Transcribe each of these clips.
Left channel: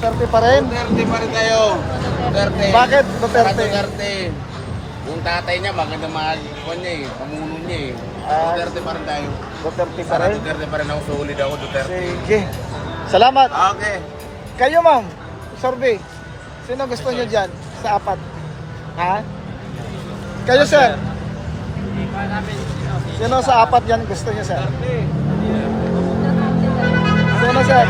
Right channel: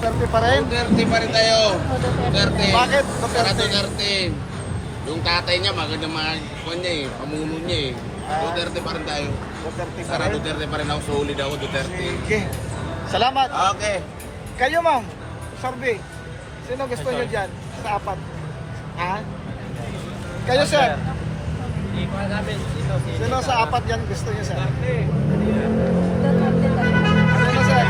Duterte pa rin? Duterte pa rin tayo. Duterte. Bakit Sara Duterte? Duterte. Yung tatay niya, maganda mga niya eh. Pamuno niya eh. Duterte pa rin tayo. Duterte pa Sara rin? Duterte pa rin ako. Solid ako, Duterte. Sige. Salamat. Okay. Kayo ma'am, survey. Sino gusto niyo dyan sa apat? Ha? Kayo sir? Hindi pa namin Sino sa apat yan gusto niyo sir? Sino sir?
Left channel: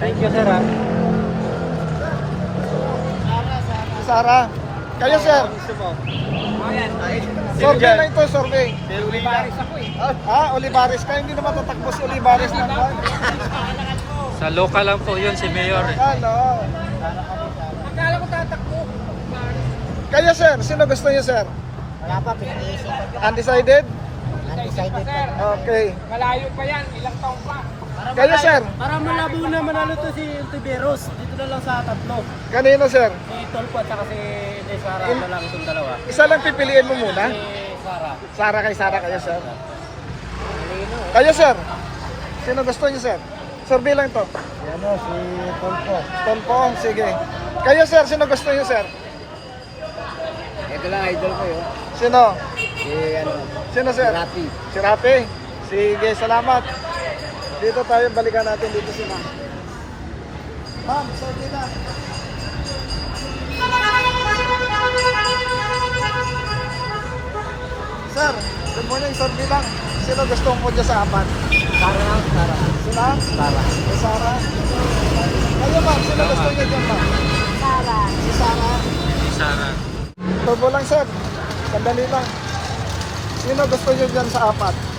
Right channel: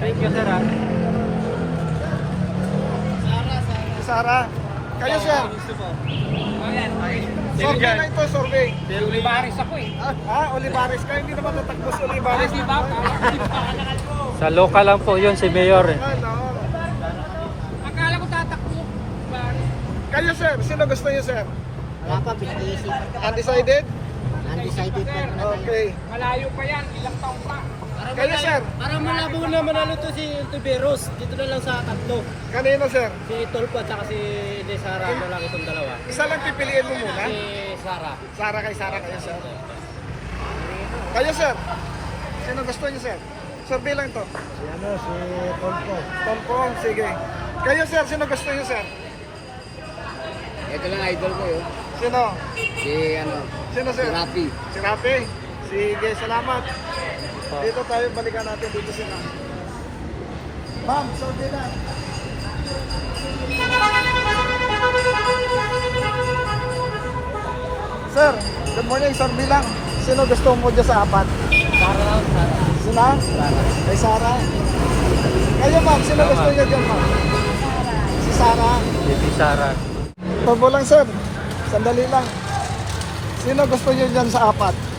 Thank you, sir. Sara. Kayo sir? Survey na ito, survey. Olivares ako eh. Olivares ka. Hindi naman tatakbo si Olivares. Sa local lang po yun, si Mayor eh. Akala ko tatakbo. Kayo sir, sino gusto niyo sir? Wala pa, pinag-iisip. Undecided? Undecided pa. Okay. Malayo pa yan. Ilang taon pa. Kayo sir? Para malabo na manalo to si Tiberos. Dito na lang sa tatlo. Kanino sir? Si Tolpo at saka si De Sara na lang itong dalawa. Isa lang pipiliin mo muna. Si Sara. Sara kay Sara kayo sir. Kayo sir? Sino gusto niyo sir? Survey lang to. Si Tolpo. Tolpo, sige. Kayo sir, sino gusto niyo sir? Ito lang idol ko yun. Sino? Si Sino sir? Rapi. Si Rapi. Sige, salamat. Dito tayo, balikan natin dito si ma'am. Ma'am, survey lang. Sir, good morning, survey lang. Sino gusto mo dyan sa apat? Sara. Sila? Sara. Kay Sara. Kayo ma'am, sino Hello, gusto ma'am. niyo dyan? Sara. Si Sara. Si Sara. Tubo lang sir. Sandali lang. Sino gusto niyo dyan sa apat?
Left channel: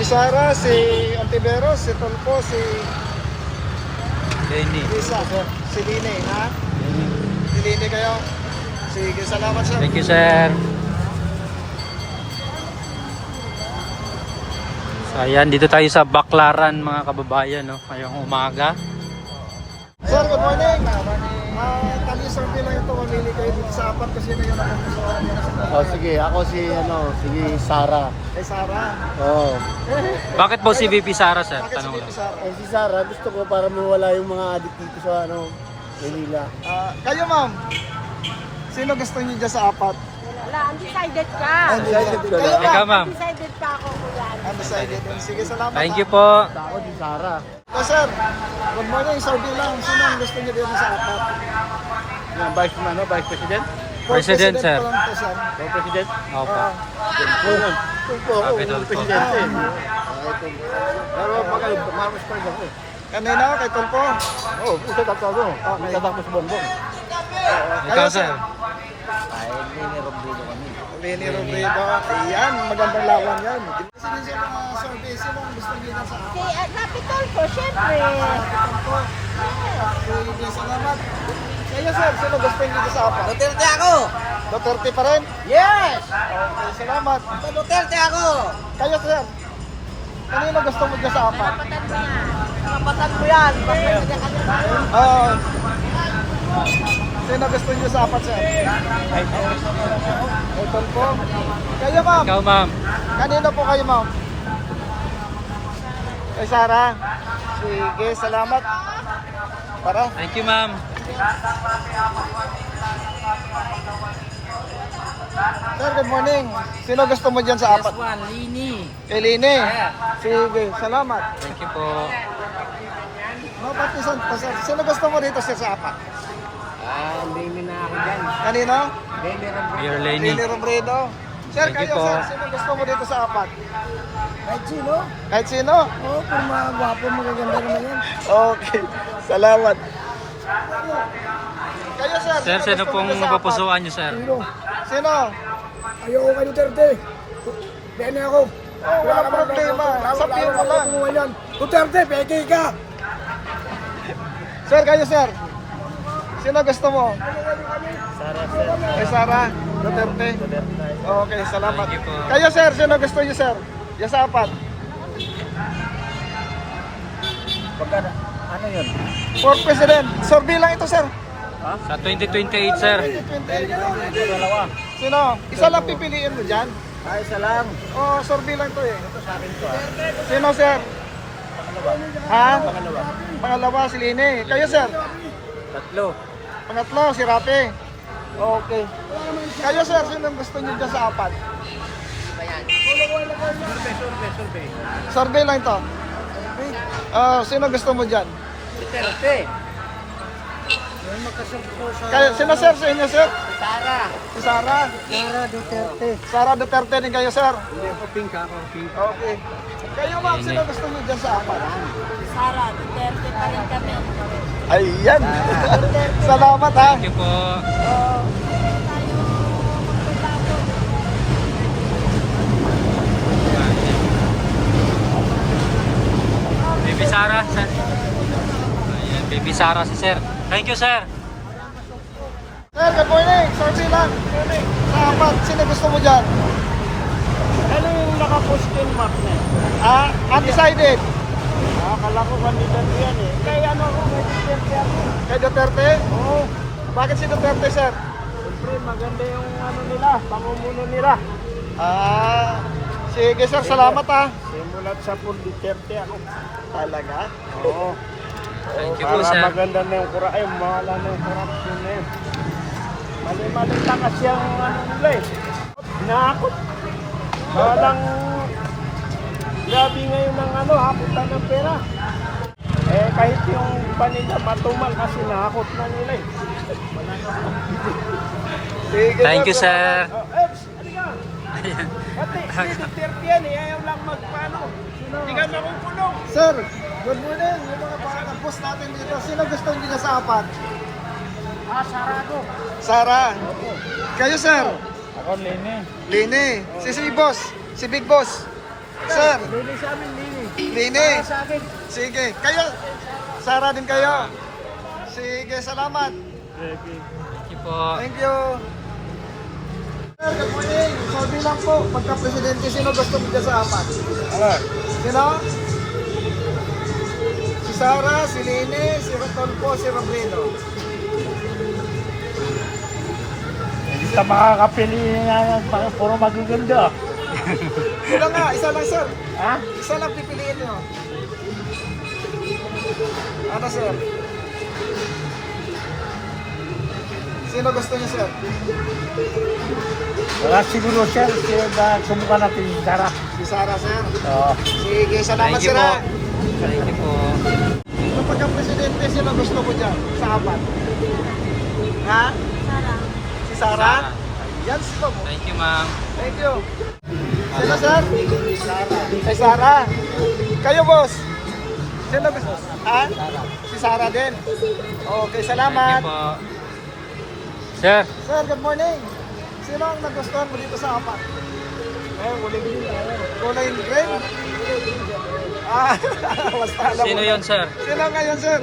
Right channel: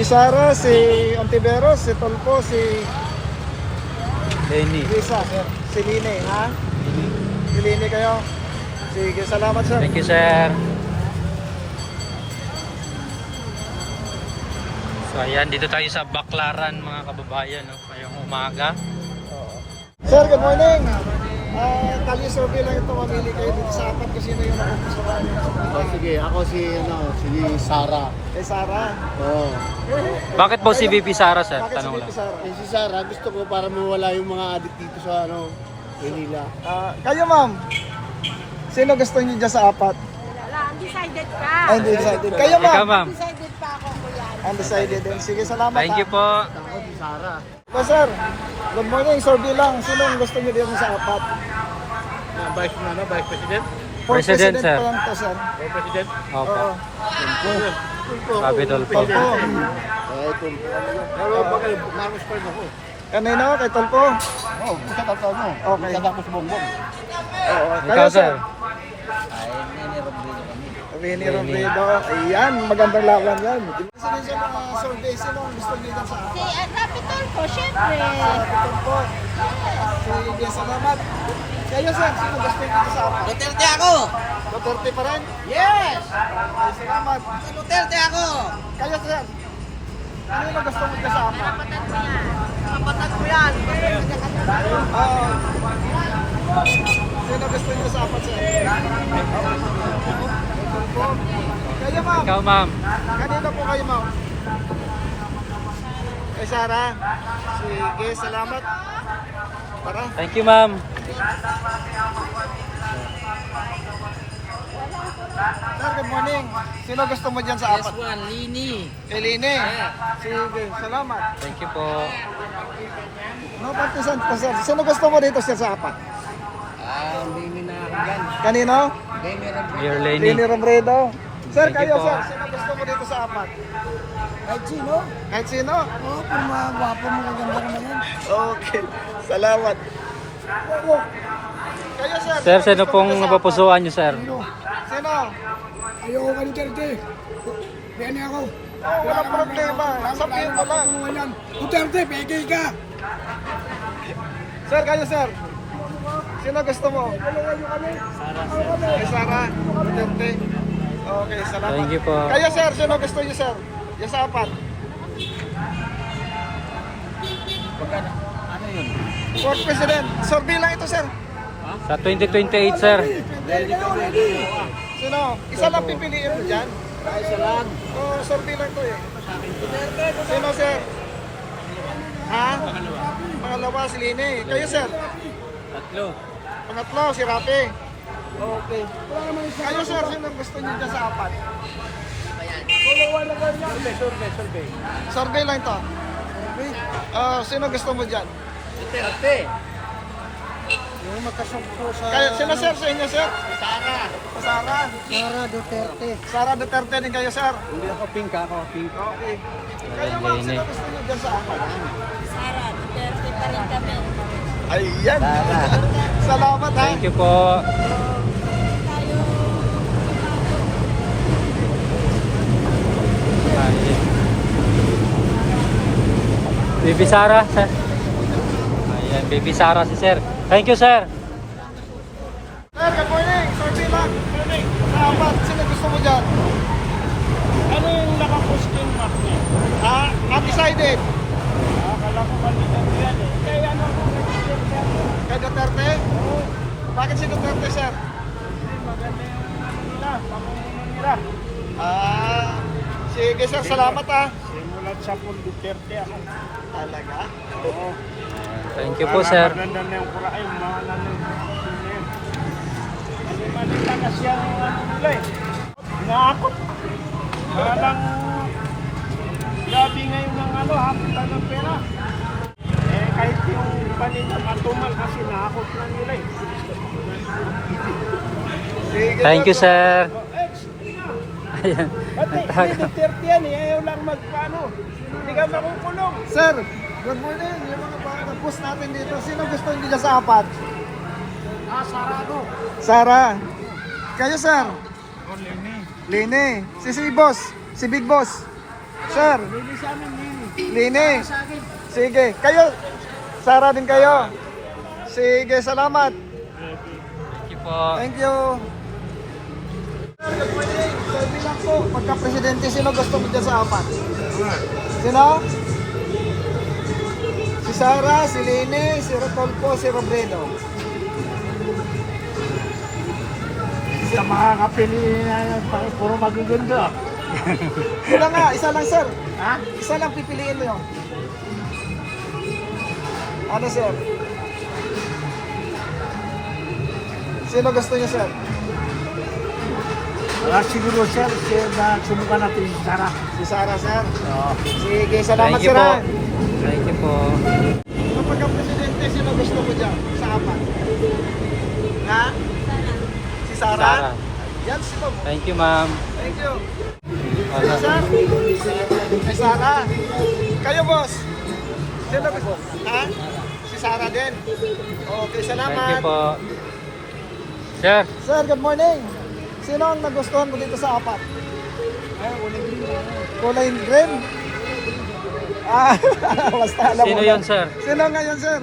Si Sara, si Ontiveros, si Tolpo, si Lenny. Risa, si Line, ha? Si Line kayo. Sige, salamat sir. Thank you, sir. So ayan, dito tayo sa Baclaran mga kababayan, no? Ngayong umaga. Sir, good morning. Kali survey lang ito, mamili kayo dito sa apat kasi na yung napupusuan niyo na sa pagkakas. Sige, ako si Sara. Kay Sara. Oo. Bakit po si VP Sara, sir? Tanong lang. Si Sara, gusto ko para mawala yung mga adik dito sa Manila. Kayo ma'am, sino gusto niyo dyan sa apat? Wala, undecided ka. Undecided. Kayo Ikaw, ma'am. ma'am. Undecided pa ako, kuya. Undecided din. Sige, salamat. Thank you po. Ako si Sara. Sir, good morning. Survey lang. Sino ang gusto niyo dyan sa apat? Vice President? President, sir. pa lang to siya. President? Opo. Sabi Dolpo. Marcos pa rin ako. Kanina, kay Tolpo. Oo, isa tapos ako. Isa tapos bongbong. Ikaw, sir. Ay, Nene Robredo kami. Winnie Winnie. Robredo. Ayan, magandang laban yan. Sino sa mga survey? Sino ang gusto niyo dyan sa apat? Si Rapitol po, syempre. Sige, salamat. Kayo sir, sino gusto niyo dyan sa apat? Duterte ako! Duterte pa rin? Yes! Salamat. Duterte ako! Kayo sir, kanino gusto mo dyan sa apat? Kapatan ko yan! Ah, sino gusto niyo sa apat sir? Kay Tolpo. Kayo ma'am. Ikaw, ma'am. Kanino po kayo, ma'am? Kay Sara. Sige, salamat. Para. Thank you, ma'am. Sir, good morning. Sino gusto mo dyan sa apat? One, Lini. Kay Line. Sige, salamat. Thank you po. No, partisan po, sir. Sino gusto mo dito, sir, sa apat? Hindi na ako dyan. Kanino? Nene Robredo. Mayor Lenny. Lini Robredo. Sir, Thank you kayo, po. sir. Sino gusto mo dito sa apat? Kahit sino? Kahit sino? Oo, kung mga gwapo, magaganda naman yan. Okay. Salamat. Kayo, sir. Sir, sino gusto mo pong dito sa apat? napapusuan niyo, sir? Sino? Ayoko kay Duterte. Bene ako. Oh, wala problema. Sa pino ka lang. Duterte, peke ka. Sir, kayo, sir. Sino gusto mo? Sara, sir. Kay Sara. Duterte. Okay, salamat. Thank you po. Kayo, sir. Sino gusto niyo, sir? Yung sa apat. Pagka, ano yun? For President. Survey lang ito, sir. Sa 2028, sir. Sino? Isa lang pipiliin mo dyan? Isa lang. O, survey lang to eh. Sino, sir? Ha? Pangalawa, si Line. Kayo, sir? Tatlo. Pangatlo, si Rapi. Okay. Kayo, sir, sino ang gusto niyo dyan sa apat? Survey lang to. Sino gusto mo dyan? Duterte. Yung nakasumpo sa... Kayo, sino, sir? Sa inyo, sir? Sara. Sara. Sara Duterte. Sara Duterte din kayo, sir. Hindi ako pink, ako pink. Okay. Kayo, ma'am, sino gusto niyo dyan sa apat? Sara, Duterte pa rin kami. Ayan. Salamat, ha. Thank you po. Ayan. Baby Sara, sir. Ayan, Baby Sara si sir. Thank you, sir. Sir, good morning. Survey lang. Good morning. Sino gusto mo dyan? Ano yung naka-question mark niya? Undecided. Akala ko kandidat yan eh. Kaya ano ako may Duterte. Kay Duterte? Oo. Bakit si Duterte, sir? Siyempre maganda yung ano nila, pamumuno nila. Sige, sir. Salamat, ha. Simulat sa Paul Duterte ako. Talaga? Oo. Thank you po, sir. Maganda na yung kura, ay mawala na yung corruption na yun. Mali-mali lang kasi ang ano nila eh. Inaakot. Walang grabe ngayon ng ano, haputan ng pera. Eh kahit yung panila matumal kasi naakot lang nila eh. Sige, Thank you, sir. Halika! Ayan. Pati si Duterte yan eh, ayaw lang magpano. Hindi ka makukulong. Sir, good morning. Yung mga post natin dito. Sino gusto niyo sa apat? Sarado. Sara. Kayo, sir? Ako, Nene. Line. Si Boss. Si Big Boss. Sir, Nene sa amin, Nene. Line. Sa akin. Sige. Kayo? Sara din kayo? Sige, salamat. Thank you po. Thank you. Sir, good morning. So, bilang po, pagka-presidente, sino gusto mo dyan sa apat? Sino? Si Sara, si Line, si Rodolfo, si Robredo. Sa makakapili na puro magaganda. Isa lang, sir. Ha? Isa lang pipiliin nyo. Ano, sir? Sino gusto niya, sir? Siguro siya na sumuka natin si Sara. Si Sara, sir. Oo. Sige, salamat, Thank you sir. po. ah. Thank you po. Kung pagka-presidente, sino gusto mo dyan? Sa apat? Ha? Sara. Si Sara? Sara. Yan, stop. Thank you, ma'am. Thank you. Wala. Sir? Sara. Ay, Sara. Kayo, boss? Sino gusto? Ha? Si Sara din. Okay, salamat. Thank you po. Sir, Sir, good morning. Sino ang nagustuhan mo dito sa apat? Kulay green. Basta alam sino mo. yon, sir? Sino ngayon, sir?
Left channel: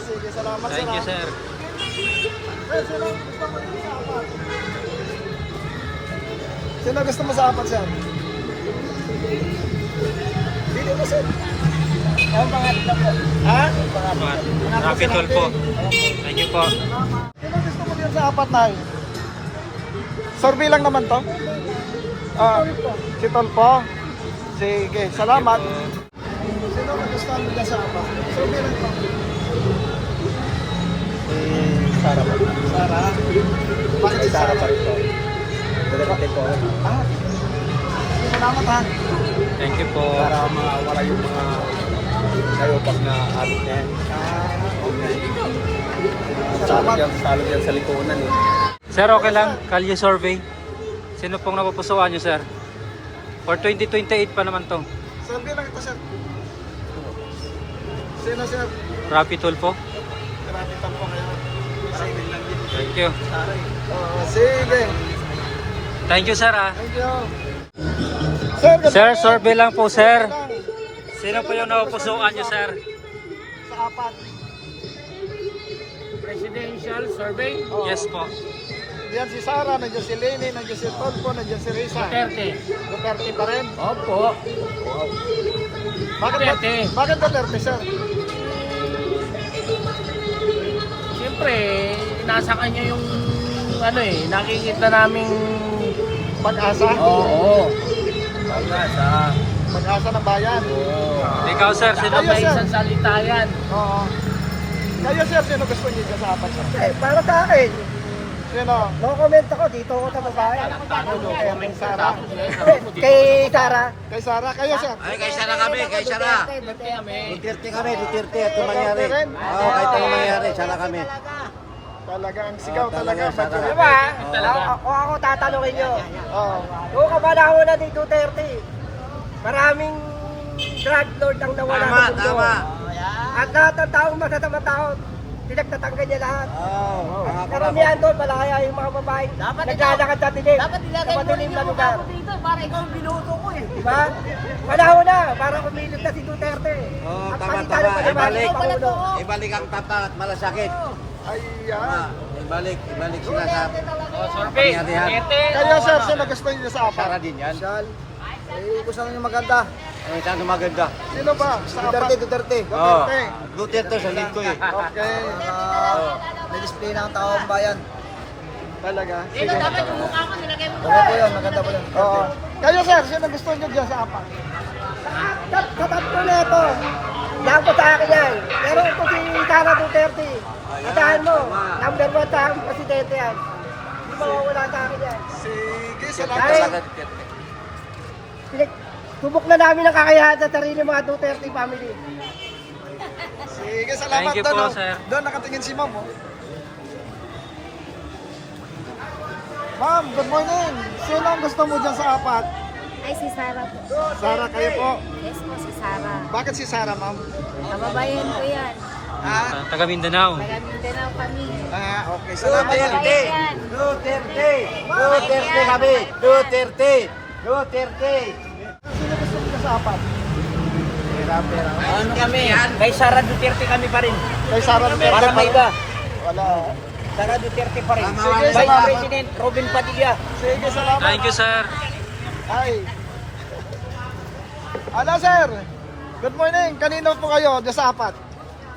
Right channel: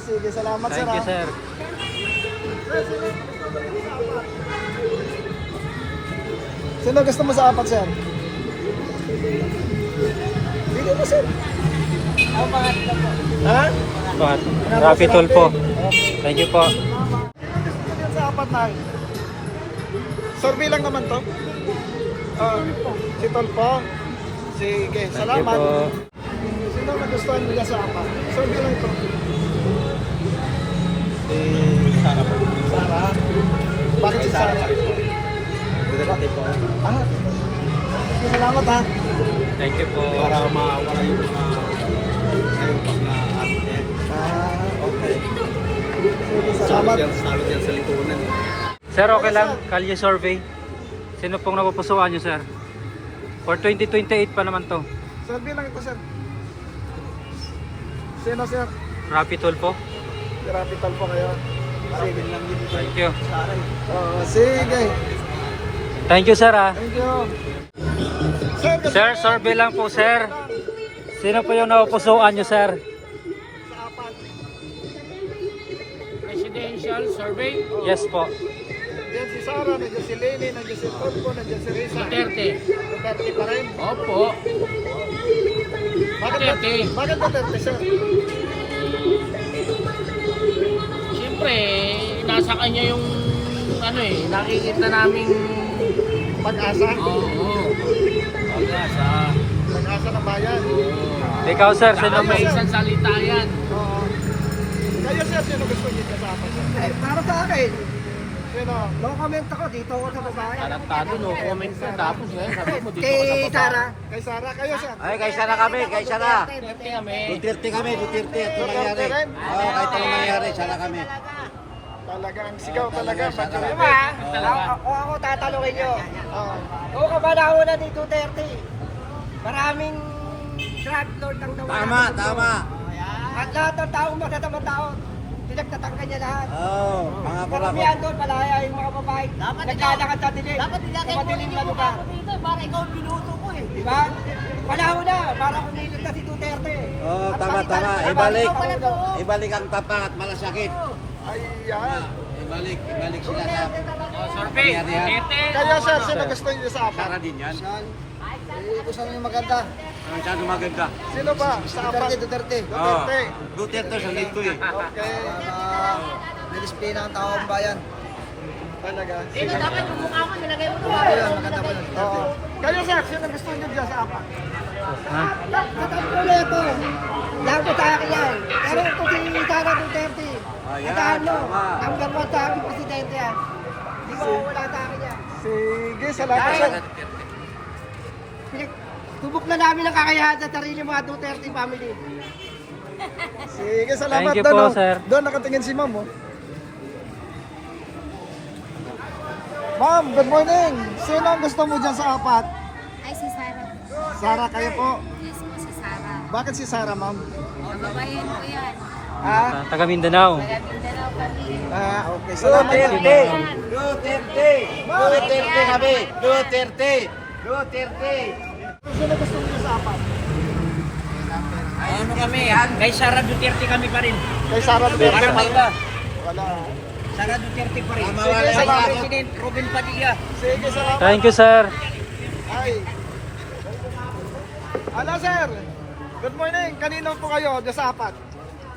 Sige, salamat, Thank you, sir. Sir, sino gusto mo dito sa apat? Sino gusto mo sa apat, sir? Dito po, sir. Ang pangatlo po. Ha? Rapi Tulfo. Thank you po. Sino gusto mo dyan sa apat, Nay? Survey lang naman to. Si Tulfo. Sige, salamat. Thank you po. Sino nagustuhan mo dyan sa apat? Survey lang to. Sara po. Sara. Bakit si Sara pa rin po? Duterte po. Salamat, ha? Thank you po. Para mawala yung mga sayopag na ano na yan. Salamat. Salot yan sa lipunan eh. Sir, okay lang. Kalye survey. Sino pong napupusuan nyo, sir? For 2028 pa naman to. Survey lang ito, sir. Sino, sir? Rapi Tulfo. Capital po kayo. Sige. Thank you. Sige. Thank you, sir, ah. Thank you. Sir, Sir, survey lang po, sir. Sino po yung napupusuan nyo, sir? sa apat. Presidential survey. Yes po. Diyan si Sara, nandiyan si Lene, nandiyan si Tulfo, nandiyan si Risa. Duterte. Duterte pa rin. Opo. Duterte. Bakit Duterte, sir? nasa kanya yung ano eh, nakikita naming Pag-asa. oo. Pag-asa. Pag-asa ng bayan. Oo. Ikaw sir, sino May may... isang salita yan. Oo. Kayo sir, sino gusto niyo dyan sa apat? Eh, para sa akin, Sino? no comment ako, dito ako sa babae. Ano, no comment ka tapos yan. Kay Sara. Kay Sara, kayo sir. Ay, kay Sara kami, kay Sara. Duterte kami, Duterte at mangyari. Oo, kahit anong mangyari, Sara kami. Talaga ang sigaw, talaga. Sara. Diba? Kung ako tatanungin nyo, kung kapanahon ni Duterte, maraming drug lord ang nawala Tama, sa mundo. tama. At lahat ng taong matatamang tao, pinagtatanggal niya lahat. Oo. Karamihan doon, malaya yung mga babae. Naglalakad sa dilim. Sa madilim na lugar. dito para ikaw ang binuto ko eh. Diba? Panahon na, para kumilit na si Duterte. Oo, At tama, palitan ng tama. panibalik Ibalik. Pangulo. Ibalik ang tapang at malasakit. Ayan. Ibalik sila sa kapangyarihan. Kayo sir, sino gusto niyo sa apat? Sara din yan. Shal. Eh, gusto niyo maganda. Ay, saan maganda? Sino ba? Sa apat? Duterte. Duterte. Duterte sa lito eh. Okay. May display ng taong bayan. Talaga. Dito dapat yung mukha ko nilagay mo. Maganda po yun. Oo. Kayo sir, sino gusto niyo dyan sa apat? Sa tatlo na ito, lahat ko sa akin yan. Pero ito si Sara Duterte. Atahan mo, number 1 sa aking presidente yan. Hindi mo wala sa akin yan. Sige, Dahil, salamat. tubok na namin ang kakayahan sa sarili mga Duterte family. Sige, salamat. Thank you doon, po, oh. sir. Doon nakatingin si ma'am. Oh. Ma'am, good morning. Sino ang gusto mo dyan sa apat? Ay, si Sarah. Sara, kayo po. Yes po, si Sarah. Bakit si Sara, ma'am? Kababayan ko yan. Taga Mindanao. Taga Mindanao kami. Ah, okay. Salamat. Kababayan. Duterte! Duterte kami! Duterte! Duterte! Sino gusto mo dyan sa apat? Ano kami? Kay Sara Duterte kami pa rin. Kay Sara Duterte. Parang may iba. Wala. Sara Duterte pa rin. Tama, Sige, wala. salamat. President Robin Padilla. Sige, salamat. Thank you sir. Ay. Ano, sir? Good morning. Kanino po kayo dyan sa apat?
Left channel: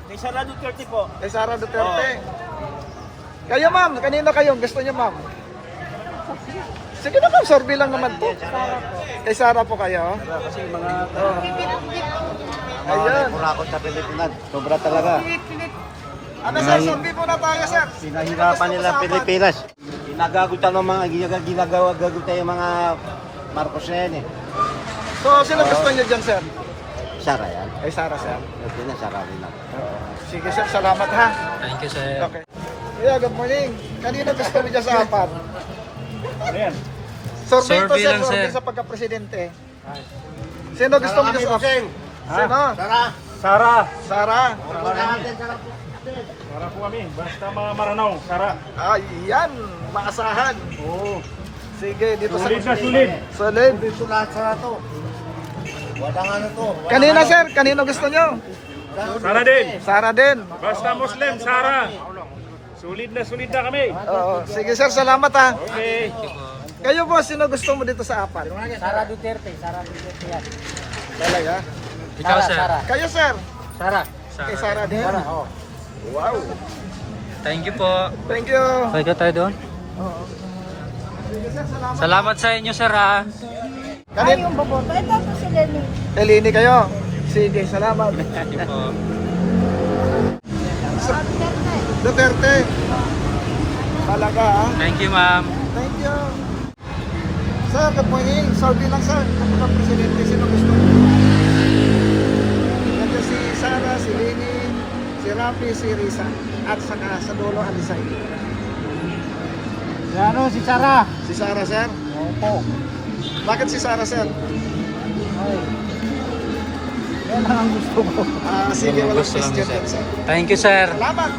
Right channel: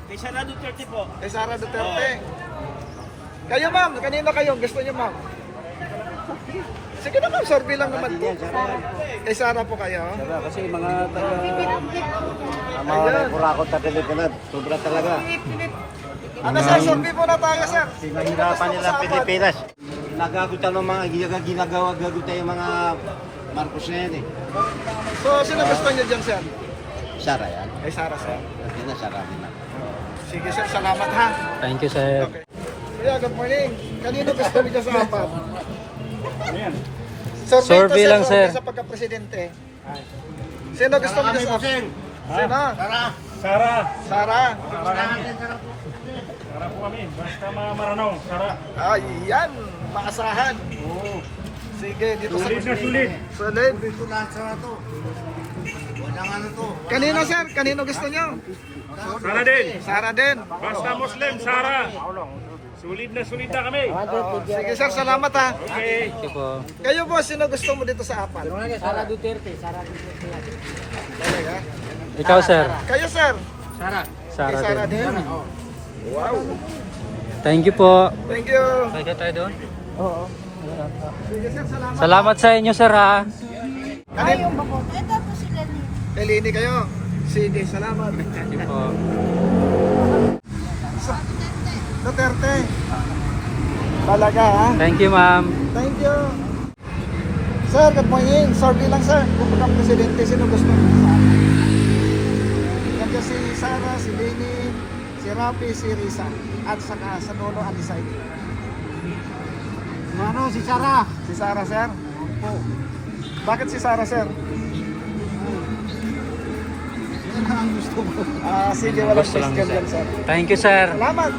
Kay Sara Duterte po. Kay Sara Duterte. Kayo, ma'am. Kanino kayo? Gusto niyo, ma'am? Sige na, ma'am. Survey lang naman po. Sarah po. Kay Sara po kayo. Kasi mga Ayan. rakot sa Pilipinas, sobra talaga. Ano, sir? Survey po na tayo, sir. Pinahirapan nila ang Pilipinas. Ginagagutan ng mga ginagawa-gagutan yung mga Marcos na yan eh. So, sino gusto niyo dyan, sir? Sara yan. Kay Sara, sir. At yun na, Sara din na. Sige, sir. Salamat, ha. Thank you sir. Okay. Yeah, good morning. Kanino gusto niyo dyan sa apat? Ayan. Survey to, lang, sir. Sa pagka-presidente. Sino gusto mo dyan sa apat? Sino? Sara. Sara. Sara po kami. Basta mga maranaw. Sara. Ayan. Maasahan. Oo. Sige, dito Sulit na sa... sulit. Solid. Dito lahat sa to. Walang ano to. Kanina, sir. Kanino gusto niyo? Sara din. Sara din. Basta Muslim, Sara. Sulit na kami. Oo. Sige, sir. Salamat, ha. Okay. Thank you po. Kayo po, sino gusto mo dito sa apat? Sara Duterte, Sara Duterte yan. Talaga? Ikaw sir. Kayo, sir. Sara. Kay Sara din. din. Wow. Thank you po. Thank you. Pwede tayo doon. Sige, sir. Salamat. Salamat sa inyo sir ha. Ay, yung baboto. Ito po si Lenny. Elini kayo. Sige, salamat. Thank you po. Duterte. Talaga, ha? Thank you ma'am. Thank you. Sir, good morning. Survey lang, sir. Kung ikaw presidente, sino gusto mo? Nandiyan si Sara, si Leni, si Rafi, si Risa. At saka sa dulo, Alisay. Ano, si Sara. Si Sara, sir. Ito. Bakit si Sara, sir? Yan ang gusto ko. Sige, Yan ang walang gusto lang ni question sir. yan, sir. Thank you sir. Salamat.